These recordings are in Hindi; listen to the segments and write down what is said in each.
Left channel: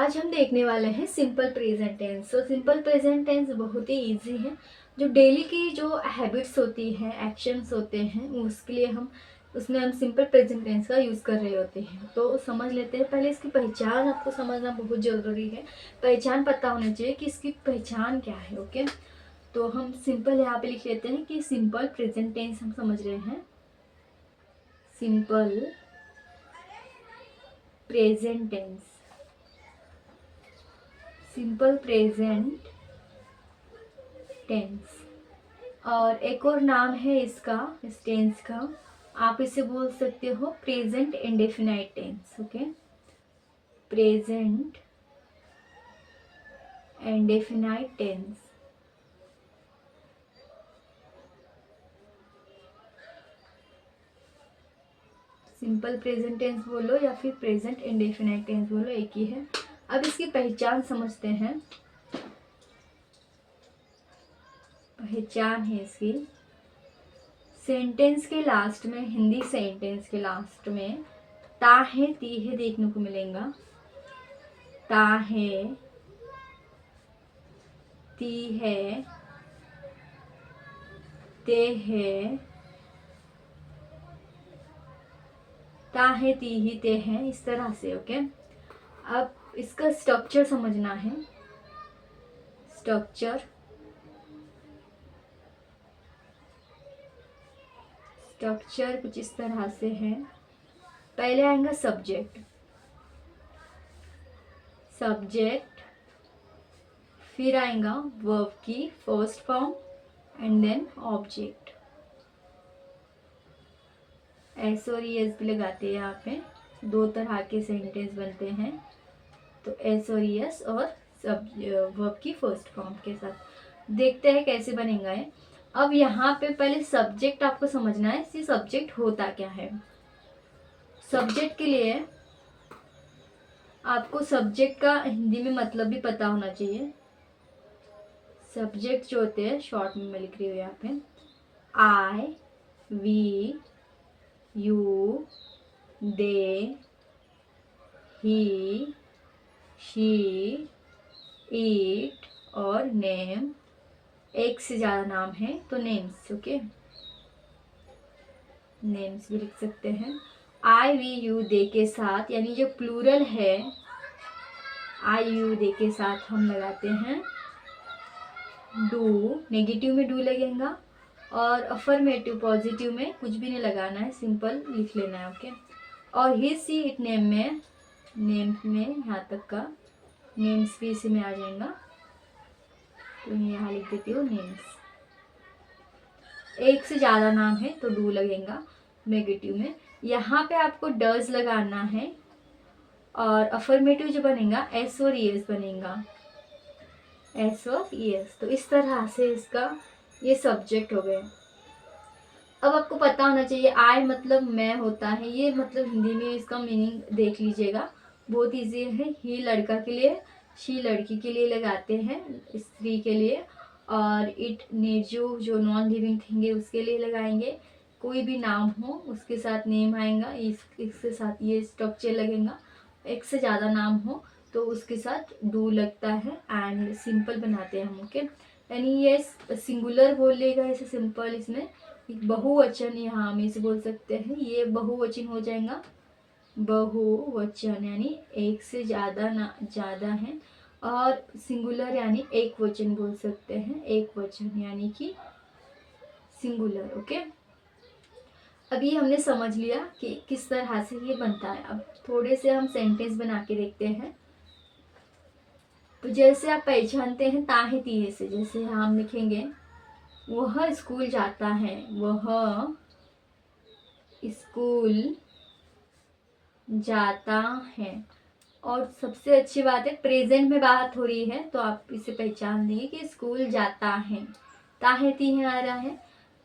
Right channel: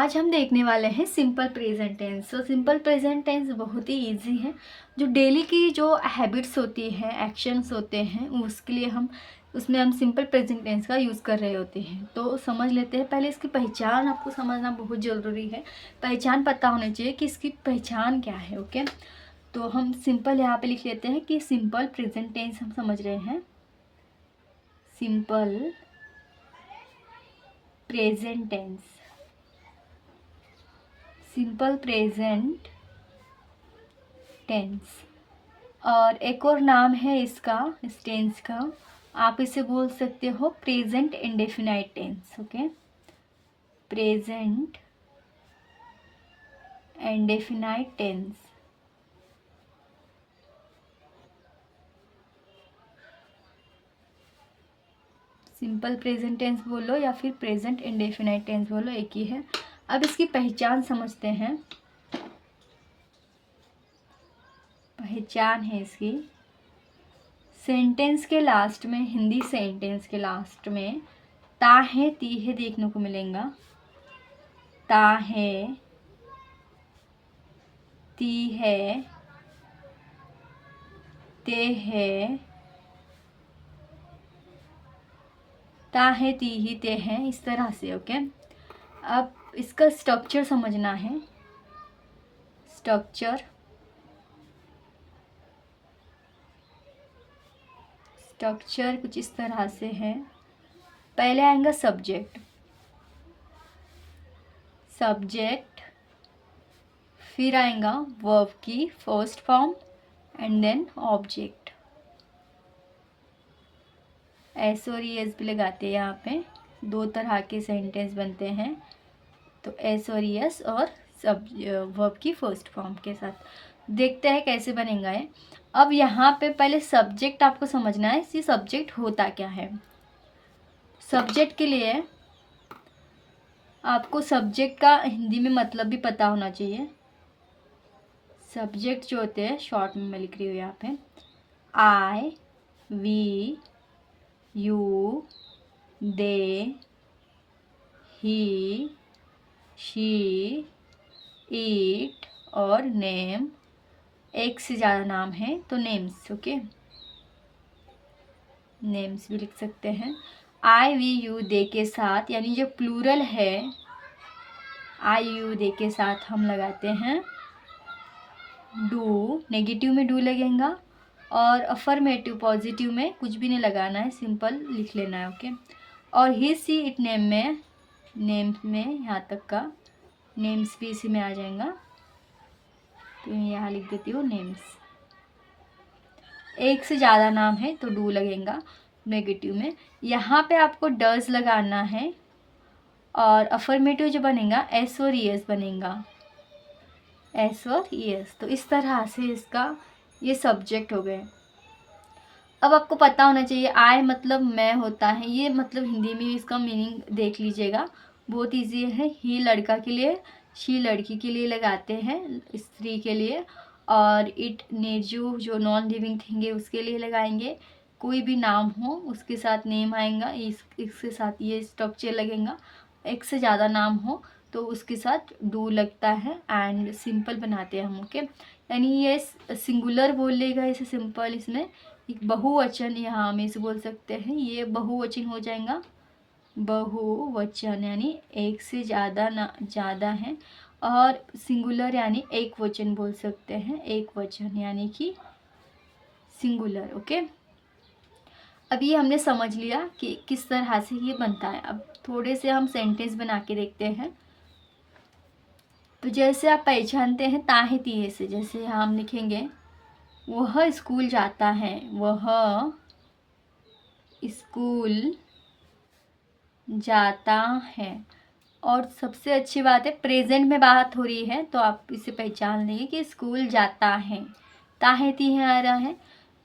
आज हम देखने वाले हैं सिंपल प्रेजेंट टेंस। तो सिंपल प्रेजेंट टेंस बहुत ही इजी है। जो डेली की जो हैबिट्स होती हैं, एक्शंस होते हैं, उसके लिए उसमें हम सिंपल प्रेजेंट टेंस का यूज़ कर रहे होते हैं। तो समझ लेते हैं। पहले इसकी पहचान आपको समझना बहुत ज़रूरी है। पहचान पता होना चाहिए कि इसकी पहचान क्या है। ओके, तो हम सिंपल यहाँ पे लिख लेते हैं कि सिंपल प्रेजेंट टेंस हम समझ रहे हैं। Simple present tense, simple present tense. और एक और नाम है इसका, इस टेंस का, आप इसे बोल सकते हो present indefinite tense. Okay, present indefinite tense. Simple present tense बोलो या फिर प्रेजेंट इंडेफिनाइट टेंस बोलो, एक ही है। अब इसकी पहचान समझते हैं। पहचान है इसकी, सेंटेंस के लास्ट में, हिंदी सेंटेंस के लास्ट में ता है ती है देखने को मिलेगा। ता है, ती है, ते है, ता है, ती ही, ते हैं, इस तरह से। ओके, अब इसका स्ट्रक्चर समझना है। स्ट्रक्चर स्ट्रक्चर कुछ इस तरह से है। पहले आएगा सब्जेक्ट, सब्जेक्ट, फिर आएगा वर्ब की first form and then object. S और एस भी लगाते हैं यहाँ पे, दो तरह के सेंटेंस बनते हैं। तो एस और एस और सब वर्ब की फर्स्ट फॉर्म के साथ देखते हैं कैसे बनेगा ये। अब यहाँ पे पहले सब्जेक्ट आपको समझना है, इसी सब्जेक्ट होता क्या है। सब्जेक्ट के लिए आपको सब्जेक्ट का हिंदी में मतलब भी पता होना चाहिए। सब्जेक्ट जो होते हैं, शॉर्ट में मैं लिख रही हूँ यहाँ पे, I, we, you, they, he, she, it और नेम। एक से ज़्यादा नाम है तो नेम्स। ओके, नेम्स भी लिख सकते हैं। आई, वी, यू, दे के साथ, यानी जो प्लूरल है, आई, यू, दे के साथ हम लगाते हैं डू। नेगेटिव में डू लगेगा और अफर्मेटिव पॉजिटिव में कुछ भी नहीं लगाना है, सिंपल लिख लेना है। ओके, और ही, सी, इट, नेम में, नेम्स में यहाँ तक का नेम्स भी इसी में आ जाएगा। तो यहाँ लिख देती हूँ नेम्स। एक से ज़्यादा नाम है तो डू लगेगा नेगेटिव में। यहाँ पे आपको डज लगाना है और अफर्मेटिव जो बनेगा एस और एस बनेगा, एस और एस। तो इस तरह से इसका ये सब्जेक्ट हो गए। अब आपको पता होना चाहिए आई मतलब मैं होता है, ये मतलब हिंदी में इसका मीनिंग देख लीजिएगा, बहुत इजी है। ही लड़का के लिए, शी लड़की के लिए लगाते हैं, स्त्री के लिए। और इट, निर्जीव जो नॉन लिविंग थिंग है उसके लिए लगाएंगे। कोई भी नाम हो उसके साथ नेम आएगा, इसके साथ ये स्ट्रक्चर लगेगा। एक से ज़्यादा नाम हो तो उसके साथ डू लगता है एंड सिंपल बनाते हैं हम। ओके, यानी ये सिंगुलर बोलेगा इसे सिंपल, इसमें एक बहुवचन यहाँ हम इसे बोल सकते हैं, ये बहुवचन हो जाएगा। बहुवचन यानी एक से ज़्यादा ना ज़्यादा है, और सिंगुलर यानी एक वचन बोल सकते हैं, एक वचन यानी कि सिंगुलर। ओके, अब ये हमने समझ लिया कि किस तरह से ये बनता है। अब थोड़े से हम सेंटेंस बना के देखते हैं। तो जैसे आप पहचानते हैं ताहे तिहे से, जैसे यहाँ हम लिखेंगे वह स्कूल जाता है, वह स्कूल जाता है। और सबसे अच्छी बात है प्रेजेंट में बात हो रही है तो आप इसे पहचान लेंगे कि स्कूल जाता है, ताहे तिहे आ रहा है।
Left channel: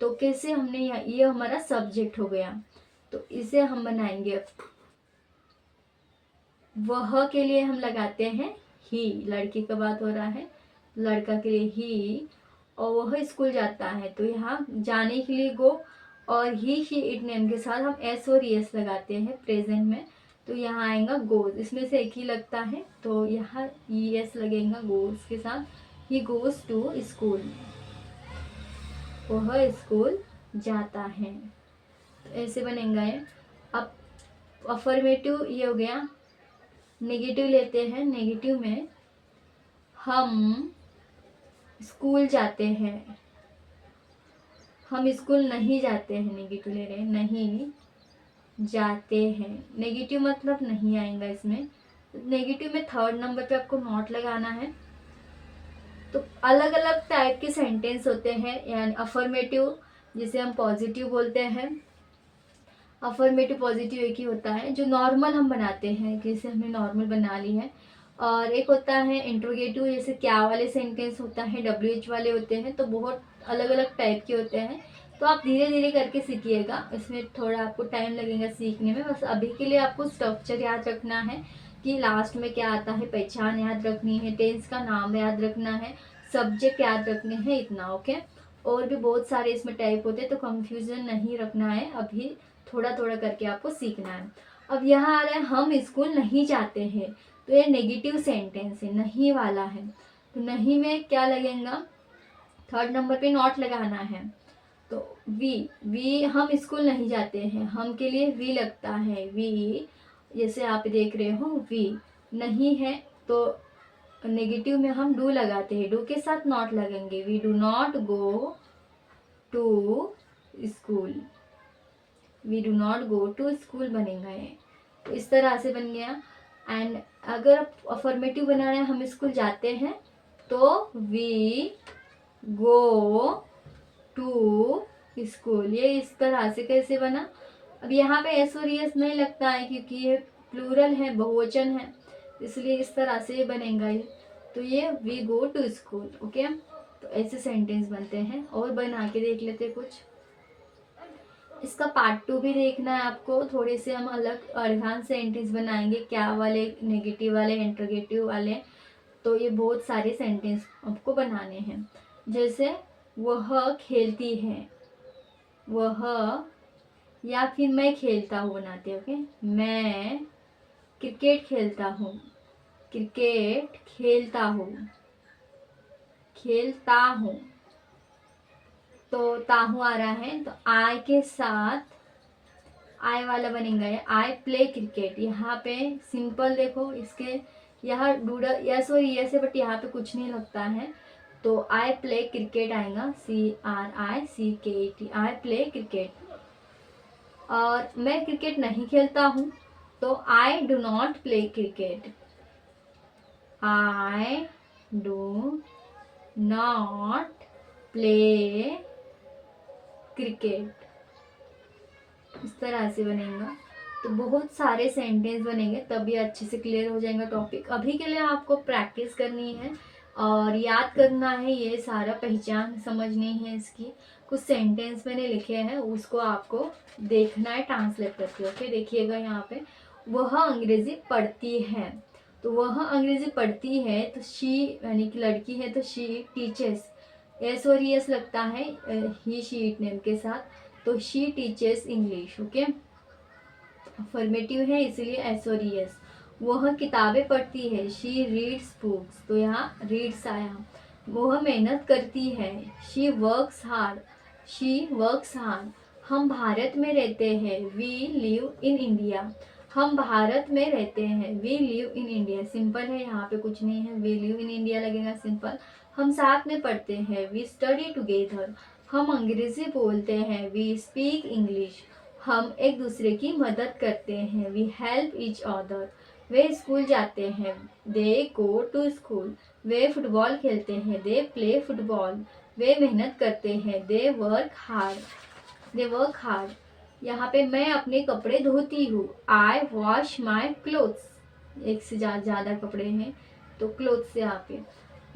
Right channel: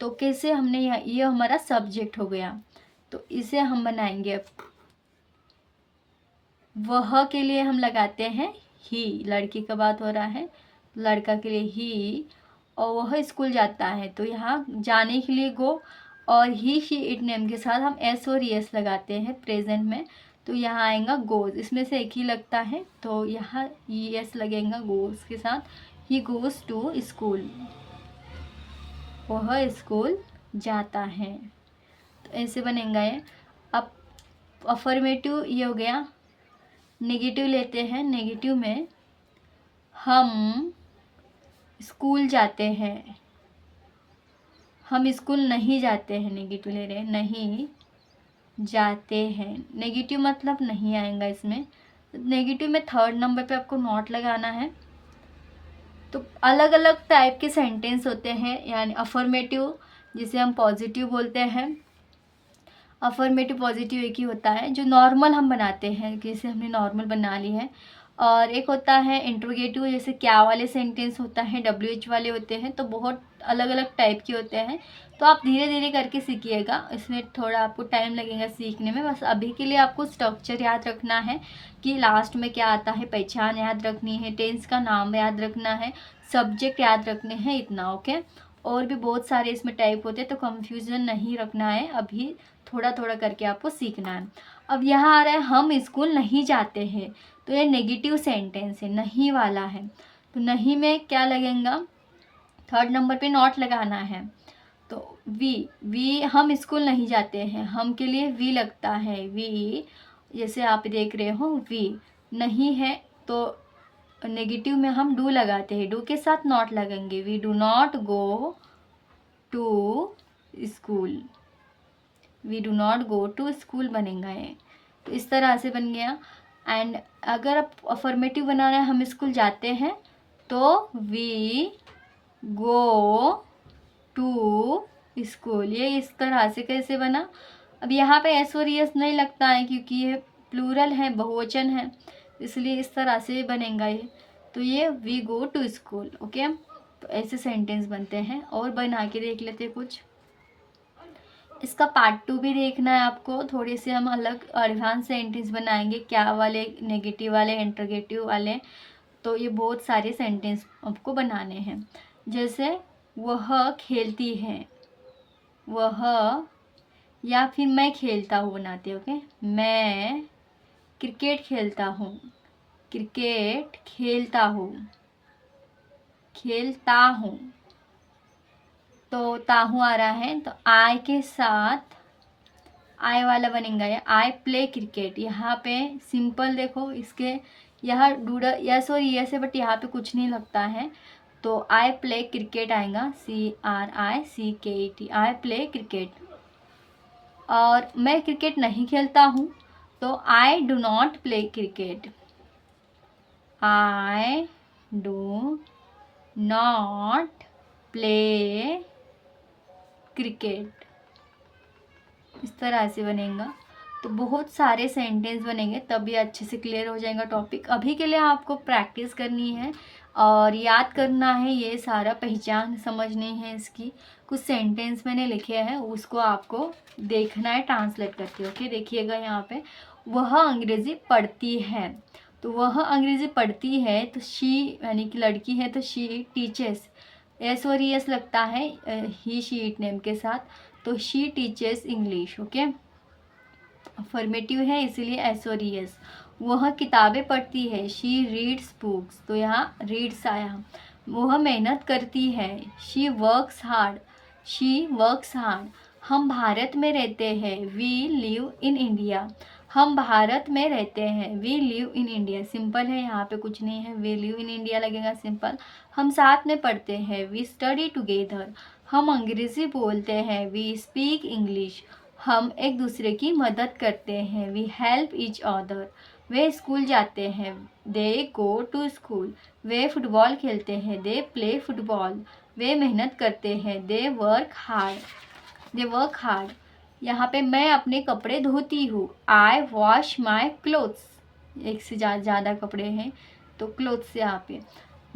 तो कैसे हमने ये हमारा सब्जेक्ट हो गया, तो इसे हम बनाएंगे। अब वह के लिए हम लगाते हैं ही, लड़की का बात हो रहा है, लड़का के लिए ही। और वह स्कूल जाता है तो यहाँ जाने के लिए गो, और ही शी इट नेम के साथ हम एस और एस लगाते हैं प्रेजेंट में। तो यहाँ आएगा गोज, इसमें से एक ही लगता है तो यहाँ ES लगेगा गोज के साथ। ही गोज टू स्कूल, वह स्कूल जाता है। तो ऐसे बनेगा ये। अब अफर्मेटिव ये हो गया। नेगेटिव लेते हैं। नेगेटिव में हम स्कूल जाते हैं, हम स्कूल नहीं जाते हैं। नेगेटिव ले रहे हैं, नहीं जाते हैं। नेगेटिव मतलब नहीं आएगा इसमें। नेगेटिव में थर्ड नंबर पे आपको नॉट लगाना है। तो अलग अलग टाइप के सेंटेंस होते हैं, यानी अफर्मेटिव जिसे हम पॉजिटिव बोलते हैं। अफर्मेटिव पॉजिटिव एक ही होता है जो नॉर्मल हम बनाते हैं, जैसे हमने नॉर्मल बना ली है। और एक होता है इंट्रोगेटिव, जैसे क्या वाले सेंटेंस होता है, WH वाले होते हैं। तो बहुत अलग अलग टाइप के होते हैं। तो आप धीरे धीरे करके सीखिएगा, इसमें थोड़ा आपको टाइम लगेगा सीखने में। बस अभी के लिए आपको स्ट्रक्चर याद रखना है कि लास्ट में क्या आता है, पहचान याद रखनी है, टेंस का नाम याद रखना है, सब्जेक्ट याद रखने हैं, इतना। ओके। और भी बहुत सारे इसमें टाइप होते हैं, तो कंफ्यूजन नहीं रखना है, अभी थोड़ा थोड़ा करके आपको सीखना है। अब यहाँ आ रहा है हम स्कूल नहीं जाते हैं। तो ये नेगेटिव सेंटेंस है, नहीं वाला है। तो नहीं में क्या लगेगा, थर्ड नंबर पे नॉट लगाना है। तो वी हम स्कूल नहीं जाते हैं, हम के लिए वी लगता है। वी जैसे आप देख रहे हो वी नहीं है, तो नेगेटिव में हम डू लगाते हैं, डू के साथ नॉट लगेंगे। We do not go to school, we do not go to school बनेगा ये। तो इस तरह से बन गया। एंड अगर आप अफर्मेटिव बनाना है, हम स्कूल जाते हैं, तो वी गो टू स्कूल। ये इस तरह से कैसे बना। अब यहाँ पे एस और एस नहीं लगता है क्योंकि ये प्लूरल है, बहुवचन है, इसलिए इस तरह से बनेगा ये। तो ये we go to school. Okay. तो ऐसे सेंटेंस बनते हैं। और बना के देख लेते कुछ। इसका पार्ट 2 भी देखना है आपको। थोड़े से हम अलग एडवांस सेंटेंस बनाएंगे, क्या वाले, नेगेटिव वाले, इंटरोगेटिव वाले। तो ये बहुत सारे सेंटेंस आपको बनाने हैं। जैसे वह खेलती है, वह, या फिर मैं खेलता हूँ बनाते हो। ओके। मैं क्रिकेट खेलता हूँ, क्रिकेट खेलता हूँ, खेलता हूँ। तो ताहू आ रहा है, तो आई के साथ आई वाला बनेगा ये। I play cricket. यहाँ पे सिंपल देखो, इसके यहाँ डूडा यस और यस है, बट यहाँ पे कुछ नहीं लगता है। तो आई प्ले क्रिकेट आएगा, CRICKET, आई प्ले क्रिकेट। और मैं क्रिकेट नहीं खेलता हूँ, तो आई do not play cricket, I do not play cricket. इस तरह से बनेगा। तो बहुत सारे सेंटेंस बनेंगे, तभी अच्छे से क्लियर हो जाएगा टॉपिक। अभी के लिए आपको प्रैक्टिस करनी है और याद करना है, ये सारा पहचान समझनी है इसकी। कुछ सेंटेंस मैंने लिखे हैं, उसको आपको देखना है ट्रांसलेट करके। ओके। देखिएगा यहाँ पे, वह अंग्रेज़ी पढ़ती है। तो वह अंग्रेज़ी पढ़ती है, तो शी यानी कि लड़की है, तो शी टीचर्स, एस और एस लगता है ही शी इट नेम के साथ। तो she teachers English. Okay. Affirmative है इसीलिए एस और एस। वह किताबें पढ़ती है, शी रीड्स बुक्स। तो यहाँ रीड्स आया। वह मेहनत करती है, she works hard, she works hard. हम भारत में रहते हैं, वी लिव इन इंडिया, हम भारत में रहते हैं, we live in India. Simple है, यहाँ पे कुछ नहीं है, वी लिव इन इंडिया लगेगा सिंपल। हम साथ में पढ़ते हैं, वी स्टडी टुगेदर। हम अंग्रेज़ी बोलते हैं, वी स्पीक इंग्लिश। हम एक दूसरे की मदद करते हैं, वी हेल्प ईच अदर। वे स्कूल जाते हैं, दे गो टू स्कूल। वे फुटबॉल खेलते हैं, दे प्ले फुटबॉल। वे मेहनत करते हैं, they work hard, they work hard. यहाँ पे मैं अपने कपड़े धोती हूँ, आई वॉश माई क्लोथ्स। एक से ज़्यादा कपड़े हैं तो क्लोथ्स यहाँ पे।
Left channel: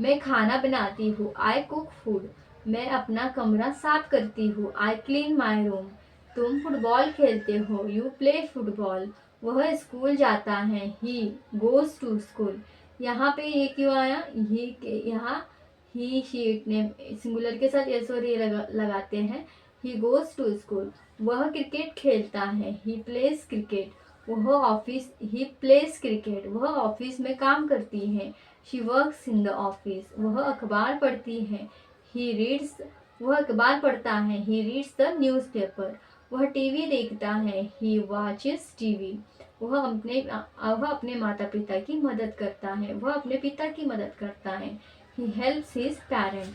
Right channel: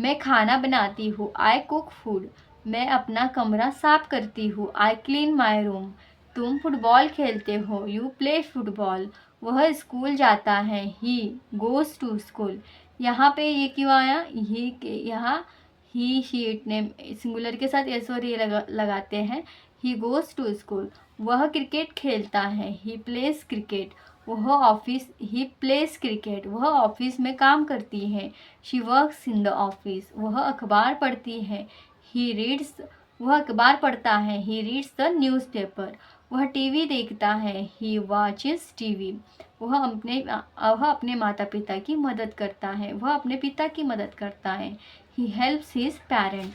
मैं खाना बनाती हूँ, आई कुक फूड। मैं अपना कमरा साफ करती हूँ, आई क्लीन माई रूम। तुम फुटबॉल खेलते हो, यू प्ले फुटबॉल। वह स्कूल जाता है, ही गोज़ टू स्कूल। यहाँ पे ये क्यों आया, ही के यहाँ ही शीट ने सिंगुलर के साथ एस और ये लगाते हैं। He goes to school. वह क्रिकेट खेलता है, ही प्लेज क्रिकेट। वह ऑफिस, ही प्लेस क्रिकेट, वह ऑफिस में काम करती है। She works in the office, वह अखबार पढ़ती है। ही रीड्स, वह अखबार पढ़ता है। ही रीड्स द न्यूज़पेपर, वह टीवी देखता है। ही वॉचेस टीवी, वह अपने माता पिता की मदद करता है, वह अपने पिता की मदद करता है। He helps his parent.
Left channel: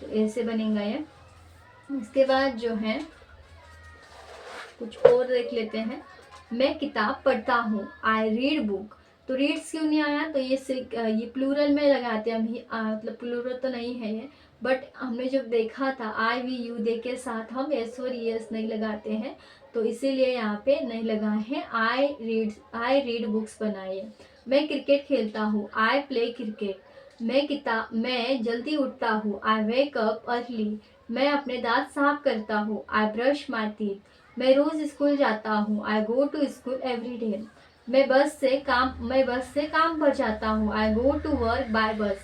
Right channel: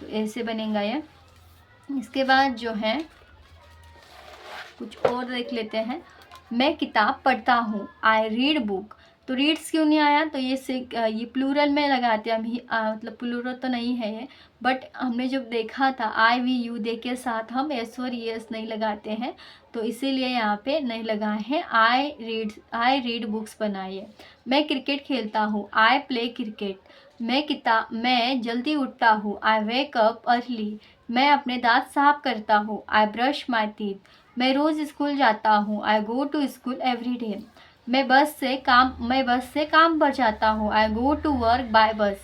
तो ऐसे बनेगा ये। इसके बाद जो है कुछ और देख लेते हैं। मैं किताब पढ़ता हूँ, आई रीड बुक। तो रीड्स क्यों नहीं आया, तो ये प्लूरल में लगाते हैं हम, मतलब प्लूरल तो नहीं है ये, बट हमने जब देखा था आई वी यू दे के साथ हम एस और एस नहीं लगाते हैं, तो इसीलिए यहाँ पे नहीं लगाए हैं। आई रीड बुक्स बनाइए। मैं क्रिकेट खेलता हूँ, आई प्ले क्रिकेट। मैं जल्दी उठता हूँ, आई वेक अप अर्ली। मैं अपने दांत साफ करता हूँ, आई ब्रश माई टीथ। मैं रोज़ स्कूल जाता हूँ, I go to school every day. मैं बस से काम पर जाता हूँ, I go to work by bus.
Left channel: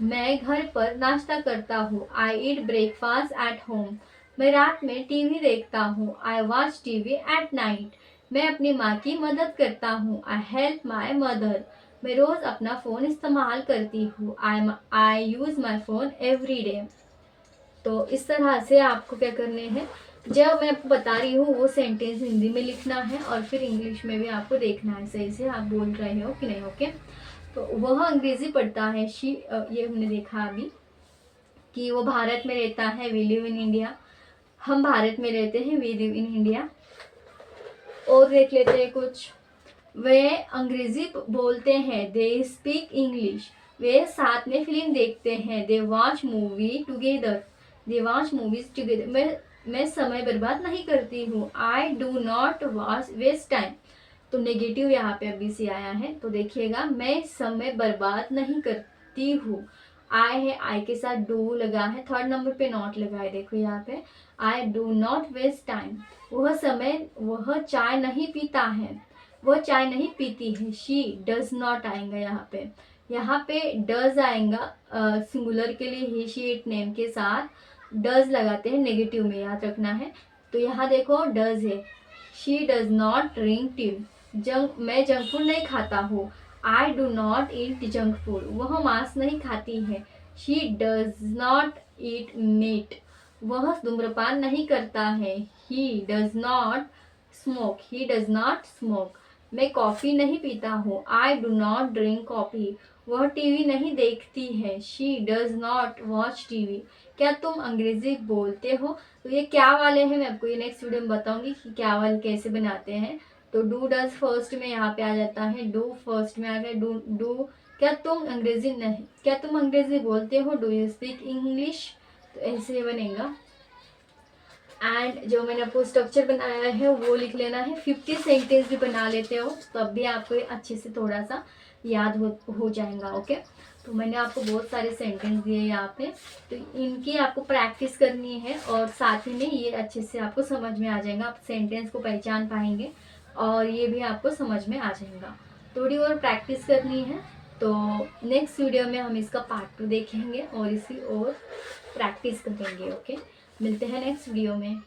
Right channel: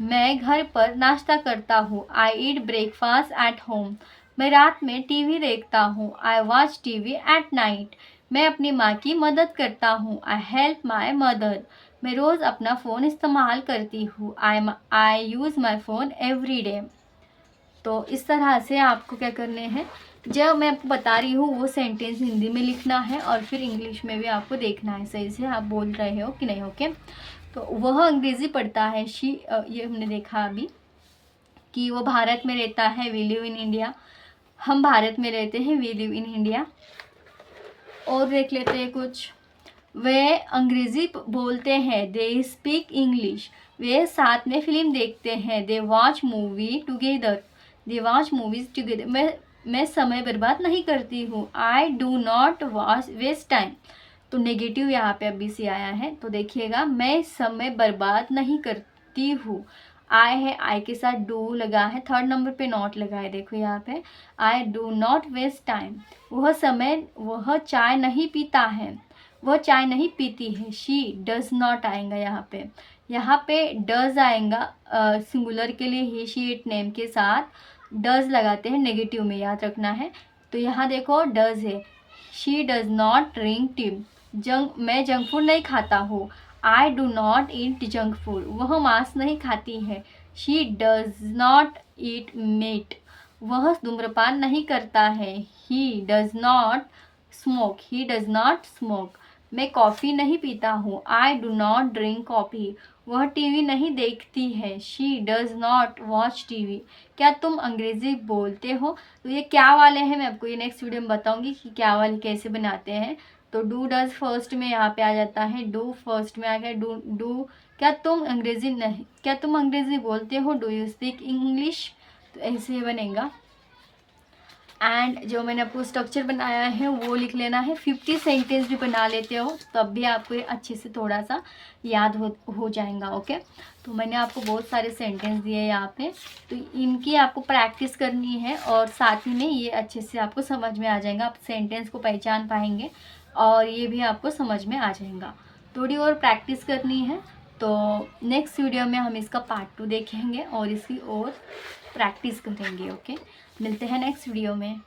मैं घर पर नाश्ता करता हूँ, I eat breakfast at home. मैं रात में टीवी देखता हूँ, I watch TV at night. मैं अपनी माँ की मदद करता हूँ, आई हेल्प माई मदर। मैं रोज़ अपना फ़ोन इस्तेमाल करती हूँ, I use my phone every day. तो इस तरह से आपको क्या करने हैं, जो मैं आपको बता रही हूँ वो सेंटेंस हिंदी में लिखना है और फिर इंग्लिश में भी आपको देखना है सही से आप बोल रहे हो कि नहीं। ओके, तो वह अंग्रेज़ी पढ़ता है, ये हमने देखा अभी कि वो भारत में रहता है, वी लिव इन इंडिया। हम भारत में रहते हैं, वी लिव इन इंडिया। और देख लेते हैं कुछ। वे अंग्रेज़ी बोलते हैं, दे स्पीक इंग्लिश। वे साथ में फिल्म देखते हैं, they watch movie together. They watch movies together. मैं समय बर्बाद नहीं करती हूँ, I do not watch waste time. तो नेगेटिव यहाँ पे अभी से आया है, तो देखिएगा, मैं समय बर्बाद नहीं करती हूँ। आई है, आई के साथ डू लगा है, थर्ड नंबर पे नॉट लगा है, देखो यहाँ पे, I do not waste time. वह चाय नहीं पीता है, वह चाय नहीं पीती है। शी डज नॉट आएगा यहाँ पे डज आएगा सिंगुलर के लिए, ही शी इट नेम के साथ डज लगाते हैं, नेगेटिव में याद रखना है। तो यहाँ देखो डज है, she does not drink tea. मैं जंक फूड नहीं खाता हूँ, I do not eat junk food. वह मांस नहीं खाती है, she does not eat meat. वह धूम्रपान नहीं करता है, ही डज नॉट स्मोक। मैं कॉफ़ी नहीं पीता हूँ, I do not drink coffee. वह टीवी नहीं देखती है, she does not watch TV. क्या तुम अंग्रेज़ी बोलते हो, तो ये क्या वाले हैं मैं आपको ये नेक्स्ट वीडियो में बताऊंगी कि क्या वाले कैसे बनाते हैं। तो डू डज फर्स्ट में यहाँ पे आ जाता है, डू फर्स्ट में आ गया, डू। क्या तुम अंग्रेज़ी बोलते हो, डू यू स्पीक इंग्लिश। तो ऐसे बनेगा। एंड जो मैंने आपको स्ट्रक्चर बनाया है वो लिख लेना है। 50 सेंटेंस भी बना लेते हो तब भी आपको ये अच्छे से थोड़ा सा याद हो जाएगा। ओके, तो मैंने आपको बहुत सारे सेंटेंस दिए यहाँ पे, तो इनकी आपको प्रैक्टिस करनी है और साथ ही में ये अच्छे से आपको समझ में आ जाएगा, आप सेंटेंस को पहचान पाएंगे और ये भी आपको समझ में आ जाएगा। थोड़ी और प्रैक्टिस करनी है, तो नेक्स्ट वीडियो में हम इसका पार्ट 2 देखेंगे और इसकी और प्रैक्टिस करेंगे। ओके, मिलते हैं नेक्स्ट वीडियो में।